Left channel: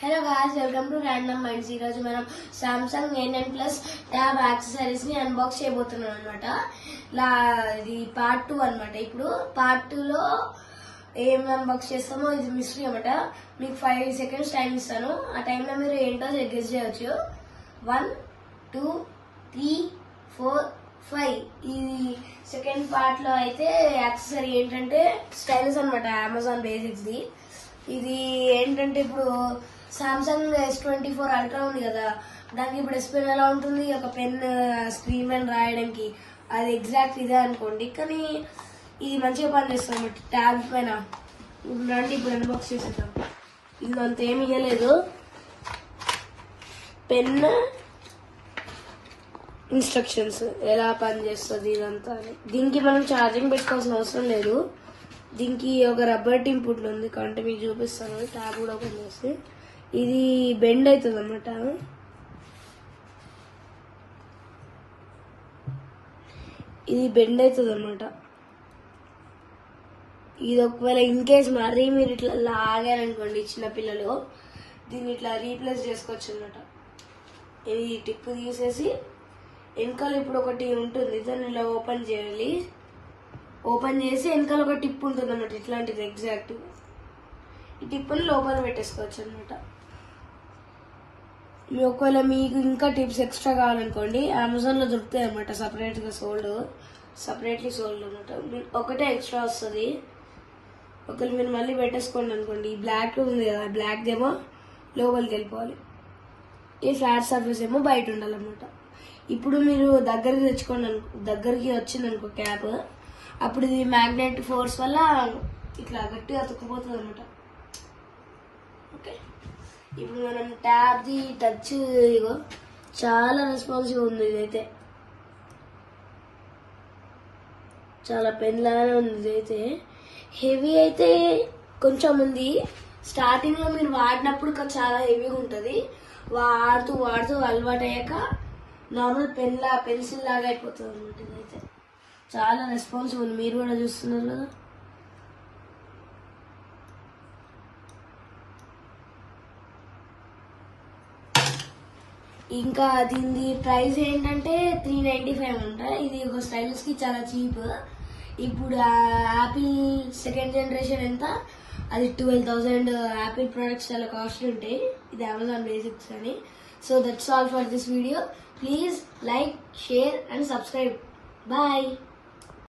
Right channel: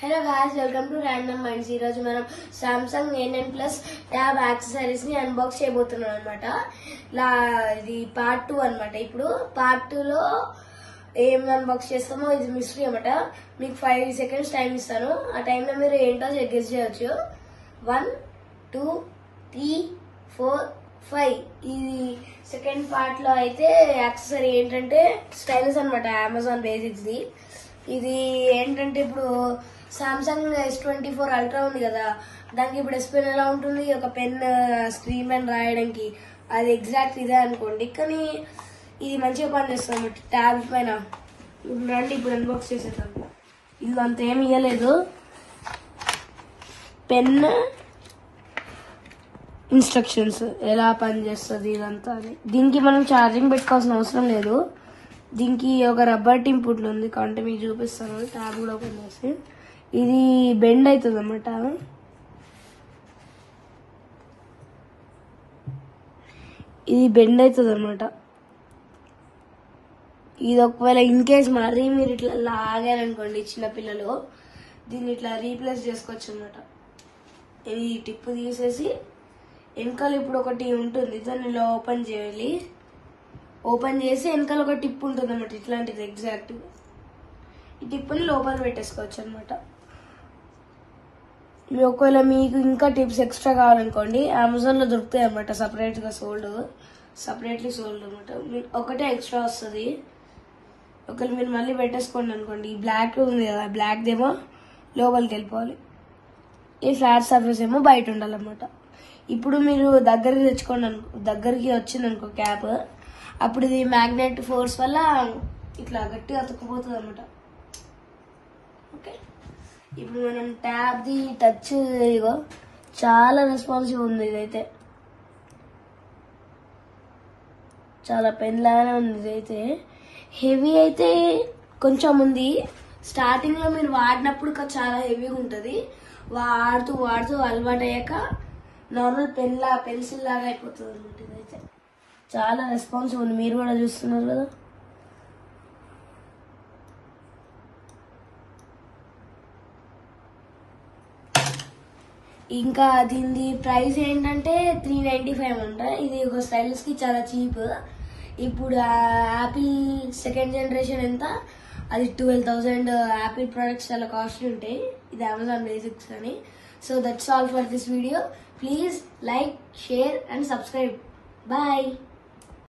Hello guys, welcome to Random Minds. ఈ రోజు మనం Samsung A9 Plus tab accessories ని అన్బాక్స్ చేయబోతున్నాం అన్నమాట. ఇది పార్ట్ 2 అన్నమాట. ఇప్పుడు పార్ట్ 2 లో ఏం అన్బాక్స్ చేస్తామో ఇది మిస్టరీ అన్నమాట. మీకు 5 seconds టైం ఇస్తాను. ఆ టైంలో మీరు ఏంటో గెస్ చేయొచ్చు. 1 2 3 4 5. ఇది సెకండ్ పార్ట్ లో అయితే యాక్సెసరీ ఏంటంటే స్టైలస్ అన్నమాట. Amazon basics the. ఇది ఏంటంటే ఇప్పుడు సామ్సంగ్ S24 అల్ట్రా ఉంది కదా, దానికి ఇప్పుడు ఎస్ పెన్ ఎలా ఉంటుంది, ఒక పెన్ స్క్రీన్ పైన రాయడానికి అది ఎగ్జాక్ట్ ఇదే అనుకోండి, కానీ ఇది మంచిగా పనిచేస్తుంది అన్నమాట ట్యాబ్ పైన. ఇప్పుడు రండి, ఇప్పుడు అన్బాక్స్ చేసేద్దాం. ఇందులో అంత ఏమి ఇవ్వలేదు, పెన్ ఇన్స్ట్రక్షన్స్ ఎలా పనిచేస్తుంది ఇదంతా. దీనికి మనం ఛార్జింగ్ పెట్టుకోవాల్సిన అవసరం లేదు. దీనికి ఒక రబ్బర్ టింపుట్ ఉంది, అంటే మీకు చూపిస్తాను. ట్యాబ్ కూడా ఓపెన్ చేస్తే ఇది బెండ్ అవుతుంది అన్నమాట. ఇది బెండ్ అవుతుంది అన్నమాట. ఇది ఒకవేళ ఇన్ కేస్ మరీ మీరు ఇట్లా లాగారనుకోండి చిన్నపిల్లలు, దీన్ని ఇట్లా రీప్లేస్ చేసుకోవచ్చు అన్నమాట. ఇది టిప్ తీసేసి వెనకాల ఇప్పుడు ఒకటి ఉంటుంది, దాన్ని ఇలా ఓపెన్ చేయాలి. ఓపెన్ చేసి వెనకాల ఒక టిప్ ఉంటుంది అన్నమాట, ఇట్లాంటిది ఎగ్జాక్ట్. ఈ టిప్ని లోపల పెట్టేసుకోవచ్చు అనమాట. ఒకవేళ మీకు ఇంకా టిప్స్ ఎక్స్ట్రా కావాలనుకోండి, అమెజాన్ లో దొరుకుతాయి అన్నమాట, సపరేట్లీ సోల్డ్ అనమాట. ఒకటే ఎక్స్ట్రా వస్తుంది. ఒకవేళ మీరు మళ్ళీ పెట్టేసుకోండి అనుకోండి, ఈ బ్లాక్ ఉంది కదా, బ్లాక్ దేమో లోపలికి వెళ్ళిపోవాలి, ఈ ఫ్లాట్ సర్ఫేస్ ఏమో బయట ఉండాలన్నమాట. ఇప్పుడు మీరు దగ్గరికి వచ్చిందనుకో క్యాప్, అప్పుడు ఇది మ్యాగ్నెట్ ఫోర్స్ వల్ల ఇట్లా గట్టిగా అతుక్కుపోతుంది అనమాట. ఓకే, ఇప్పుడు మనం ట్యాబ్ ది టచ్ ఇగో చాలా రెస్పాన్సివ్ ఉంది. ఇదైతే చాలా పెన్ లాగానే ఉంది. ఇదైతే హెవీ అయితే కొంచెం ఉంది. స్టార్టింగ్ లో మీరు వాడినప్పుడు చాలా హెవీగా ఉంటుంది. వాడుతూ అలవాటు అయ్యాక నార్మల్ పెన్సిల్ లాగా అయిపోతుంది అనమాట. ఇదైతే చాలా రెస్పాన్సివ్ ఉంది, మీరు కూడా చూస్తున్నారు కదా. ఇంకా దీని ప్రైస్ ఏంటంటే 395 అంట. ఇది ఒక స్టైలిష్ కి చాలా చీప్. ఇప్పుడు యాపిల్ సెకండ్ జనరేషన్ ఎంత, అది 12,000. యాపిల్ ప్రొడక్ట్స్ చాలా కాస్ట్లీ ఉంటాయి. ఇది అమెజాన్ బేసిక్స్ అని. So that's all for this video. Please like, share and subscribe. Bye.